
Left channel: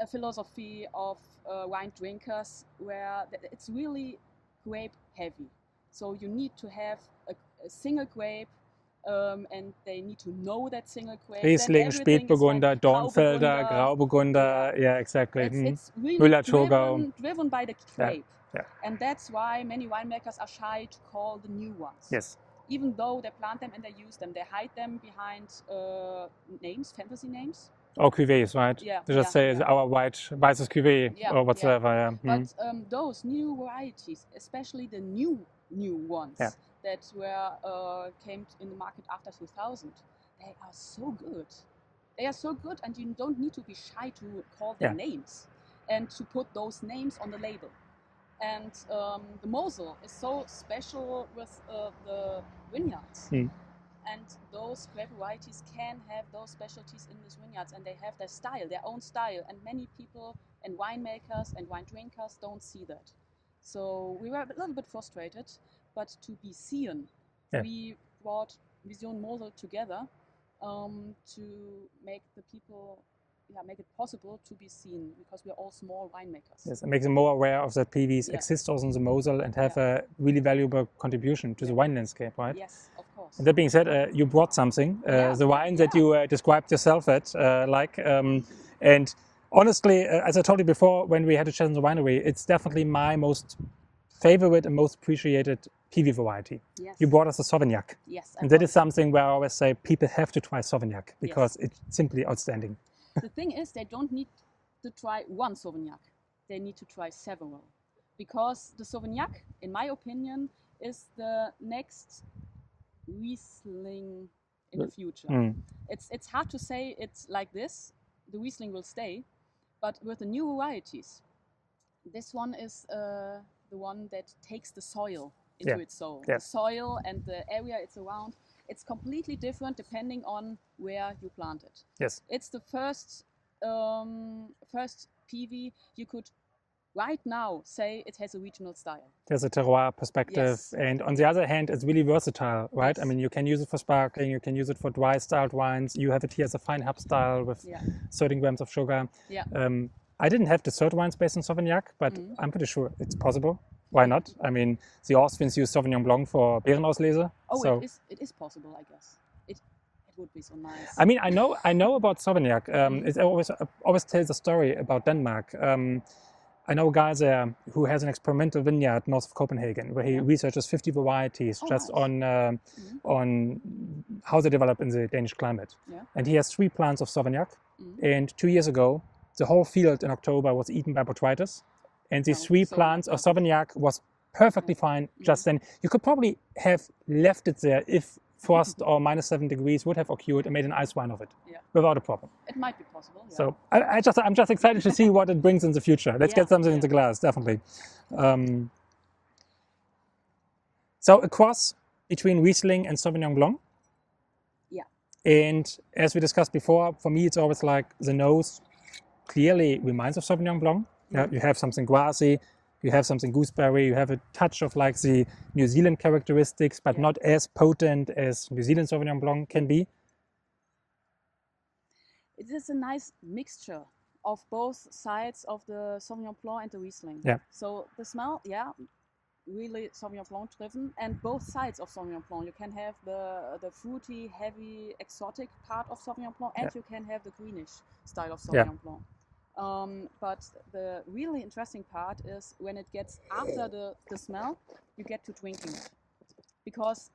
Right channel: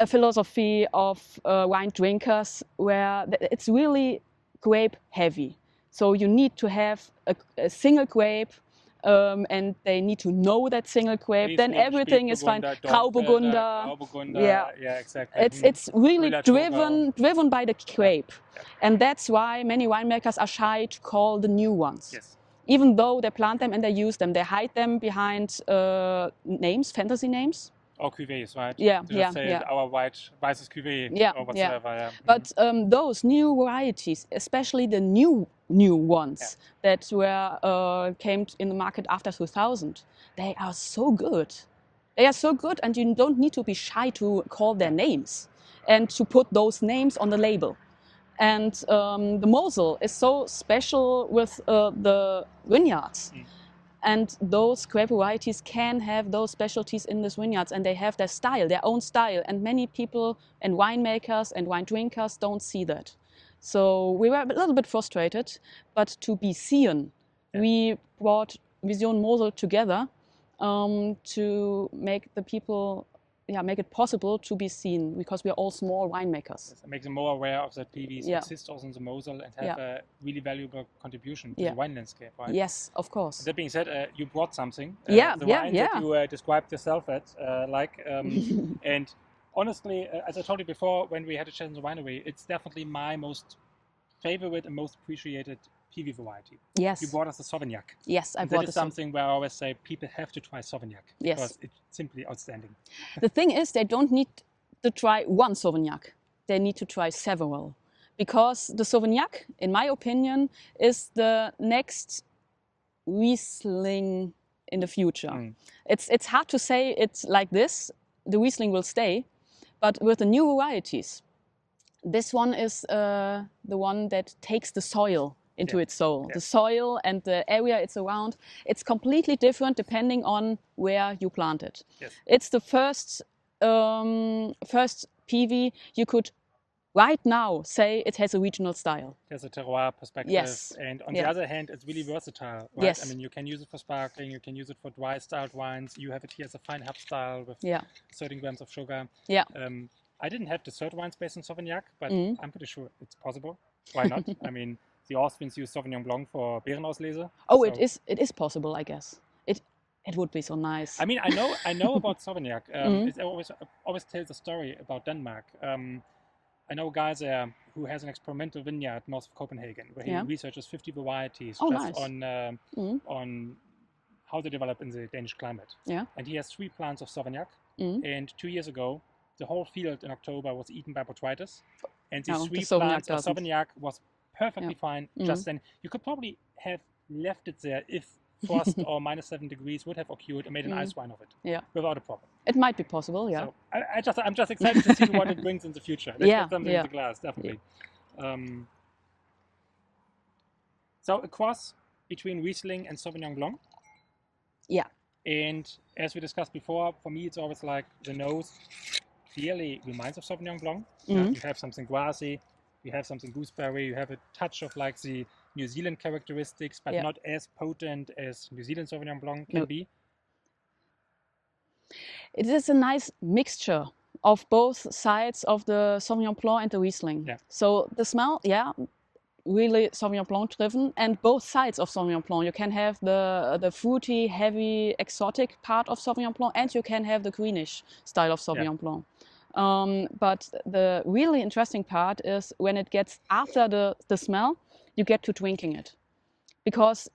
a philosophy of wine drinkers where it's really grape heavy. So you need to have a single grape, and they need to know that single grape. Riesling, then everything is fine. Dornfelder, Grauburgunder, yeah, exactly. It's really driven by the grape. Yeah. And that's why many winemakers are shy to call the new ones. Yes. Even though they plant them and they use them, they hide them behind names, fantasy names. Or cuvées, right? Yeah. To just say our weißes cuvée or whatsoever. Yeah. But those new varieties, especially the new ones that were came in the market after 2000, they are so good. They are so good, and you don't need to be shy to call their names and to put those names on the label. And the Mosel is so special with the vineyards. And those grape varieties can have those specialties in these vineyards, and they have their style, their own style. And many people and winemakers and wine drinkers don't see that. So we were a little bit frustrated, but to be seen, we brought Vision Mosel together to make the people, make it possible to be seen, because we are all small winemakers. Yes, it makes them more aware of that PVs exist also in the Mosel and have a really valuable contribution to the wine landscape, right? Yes, of course. And that being said, you brought something, the wine that you described yourself at, and honestly, as I told you before, when we had a chat in the winery, it's definitely my most favorite and most appreciated PV variety. Yes. You brought us a Sauvignac. Yes, and that is something where I always say people have to try Sauvignac because it's simply outstanding. The thing is, they don't need to try one Sauvignac. They need to try several, because the Sauvignac, in my opinion, is the next Riesling in the future. It's hard to say it's like this. The Riesling will stay, but with the new varieties, this one is the one that takes the soil into its soul. The soil and the area it's around, it's completely different depending on where you plant it. Yes. It's the first PV you could right now say it has a regional style. There's a terroir perspective, and on the other hand, it's really versatile, right? Yes. I mean, you can use it for sparkling, you can use it for dry styled wines. You have it here as a Feinherb style with 13 grams of sugar. Yeah. I didn't have the third wines based on Sauvignac, but I'm pretty sure it's possible. Why not? I mean, the Austrians use Sauvignon Blanc for Beerenauslese. Oh, so it is possible, I guess. It would be so nice. I mean, I know about Sauvignac. It always tells a story about Denmark. I know a guy there who has an experimental vineyard north of Copenhagen, where he researches 50 varieties on how they develop in the Danish climate. Yeah. And he has 3 plants of Sauvignac. And 2 years ago, the whole field in October was eaten by botrytis. And these 3 plants of Sauvignac was perfectly fine just then. You could probably have left it there if frost or -7 degrees would have occurred and made an ice wine of it without a problem. It might be possible, So I'm just excited to see what it brings in the future. Let's get something into glass, definitely. So a cross between Riesling and Sauvignon Blanc. Yeah. And as we discussed before, for me, it's always like the nose clearly reminds of Sauvignon Blanc. You have something grassy, you have something gooseberry, you have a touch of like the New Zealand characteristics, but not as potent as New Zealand Sauvignon Blanc can be. It is a nice mixture of both sides of the Sauvignon Blanc and the Riesling. Yeah. So the smell, really Sauvignon Blanc driven, and both sides of Sauvignon Blanc. You can have the fruity, heavy, exotic part of Sauvignon Blanc, and you can have the greenish style of Sauvignon Blanc. But the really interesting part is when it gets after the smell, you get to drinking it, because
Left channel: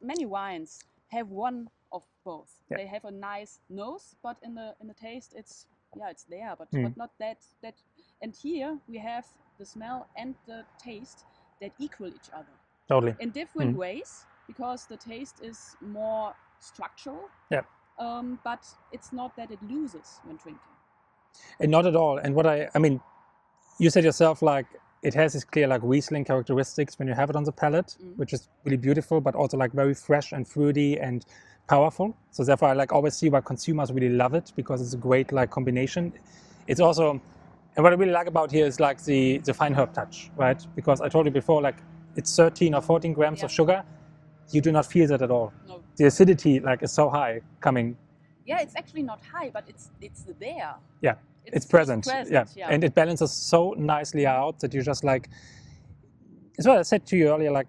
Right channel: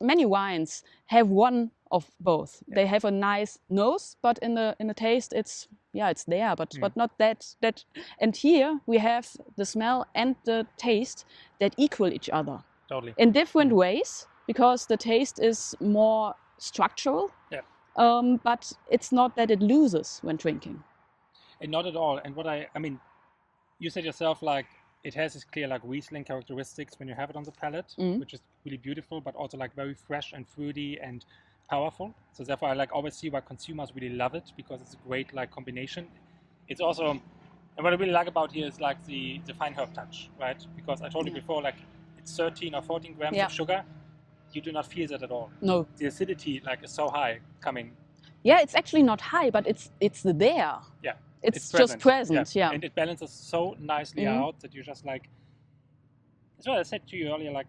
many wines have one of both. They have a nice nose, but in the taste, it's there, but not that. And here we have the smell and the taste that equal each other. Totally. In different ways, because the taste is more structural. Yeah. but it's not that it loses when drinking. And not at all. And what I mean, you said yourself, like, it has this clear, like, Riesling characteristics when you have it on the palate, which is really beautiful, but also, like, very fresh and fruity and powerful. So therefore, I, like, always see why consumers really love it, because it's a great, like, combination. It's also, and what I really like about here is, like, the Feinherb touch, right? Because I told you before, like, it's 13 or 14 grams of sugar. You do not feel that at all. No. The acidity, like, is so high coming. Yeah, it's actually not high, but it's there. Yeah. It's present. just present, yeah. And it balances so nicely out that you just, like, it's what I said to you earlier, like,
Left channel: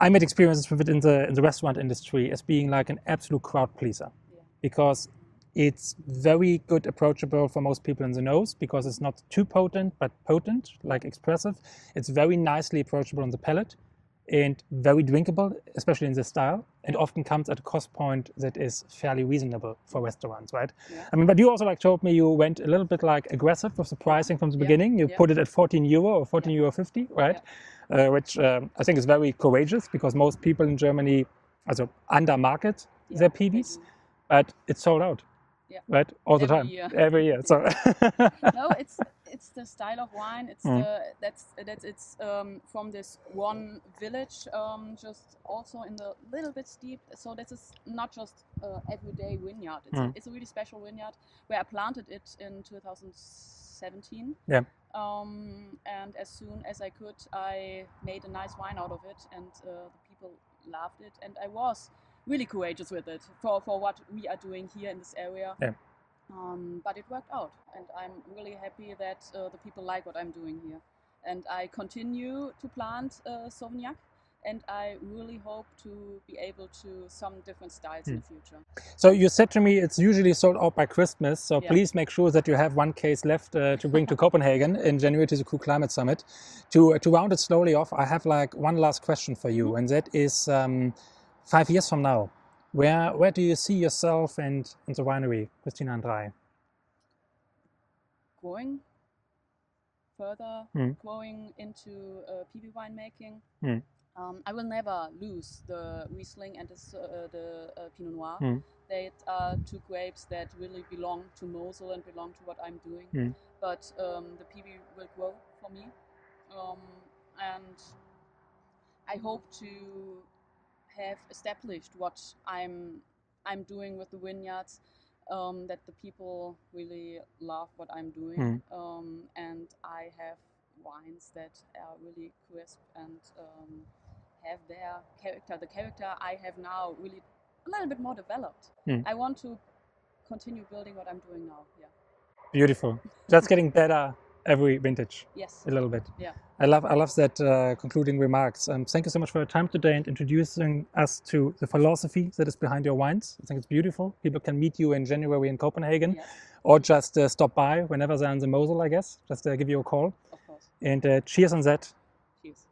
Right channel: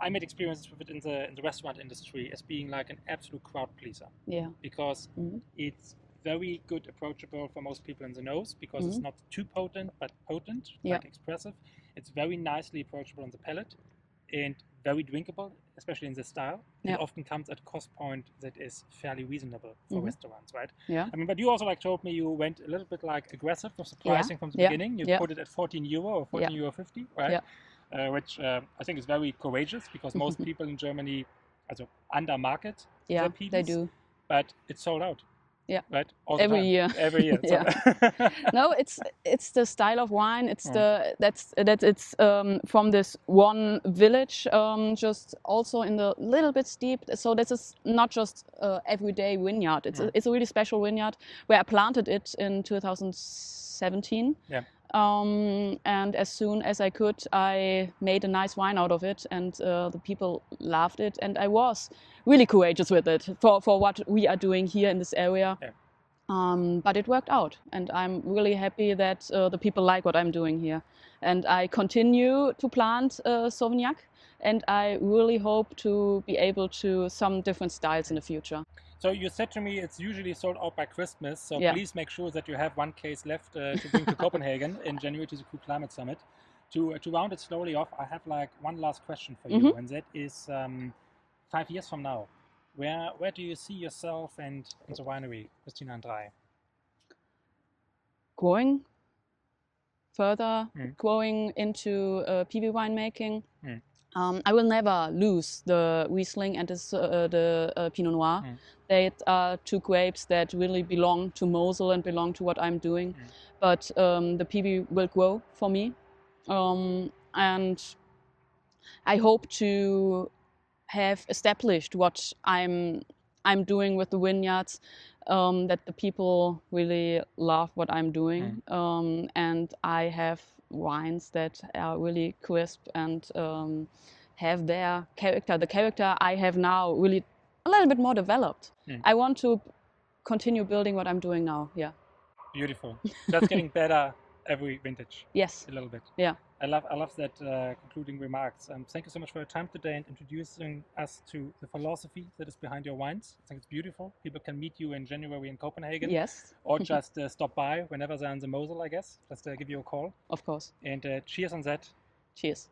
I made experiences with it in the restaurant industry as being like an absolute crowd pleaser. Yeah. Because it's very good, approachable for most people in the nose, because it's not too potent, but potent, like expressive. It's very nicely approachable on the palate and very drinkable, especially in this style. It often comes at a cost point that is fairly reasonable for restaurants, right? Yeah. I mean, but you also, like, told me you went a little bit, like, aggressive with the pricing from the beginning. You put it at €14 or €14.50, right? Yeah. Which I think is very courageous, because most people in Germany also undermarket their PBs. They do. But it's sold out. Yeah. Right. All the time. Every year. So. No, it's the style of wine. It's it's from this one village, just also in the little bit steep. So this is not just everyday vineyard. It's a really special vineyard where I planted it in 2017. Yeah. And as soon as I could, I made a nice wine out of it, and the people loved it. And I was really courageous with it for what we are doing here in this area. Yeah. But it worked out, and I'm really happy that the people like what I'm doing here. And I continue to plant Sauvignac, and I really hope to be able to some different styles in the future. So you said to me it's usually sold out by Christmas, so please make sure that you have one case left to bring to Copenhagen in January to the Cool Climate Summit. To round it slowly off, I have, like, one last question for you, and that is 5 years from now, where do you see yourself and in the winery, Christina Andrae? Growing further, growing into PB winemaking. I will never lose the Riesling and the Pinot Noir. They are two grapes that really belong to Mosel and belong to what I'm doing. But the PB will grow for me. And I hope to have established what I'm doing with the vineyards, that the people really love what I'm doing. And I have wines that are really crisp and have their character. The character I have now really a little bit more developed. I want to continue building what I'm doing now. Yeah. Beautiful. That's getting better every vintage. Yes. A little bit. Yeah. I love that concluding remarks. Thank you so much for your time today and introducing us to the philosophy that is behind your wines. I think it's beautiful. People can meet you in January in Copenhagen. Yes. Or just stop by whenever they're in the Mosel, I guess. Just give you a call. Of course. And cheers on that. Cheers.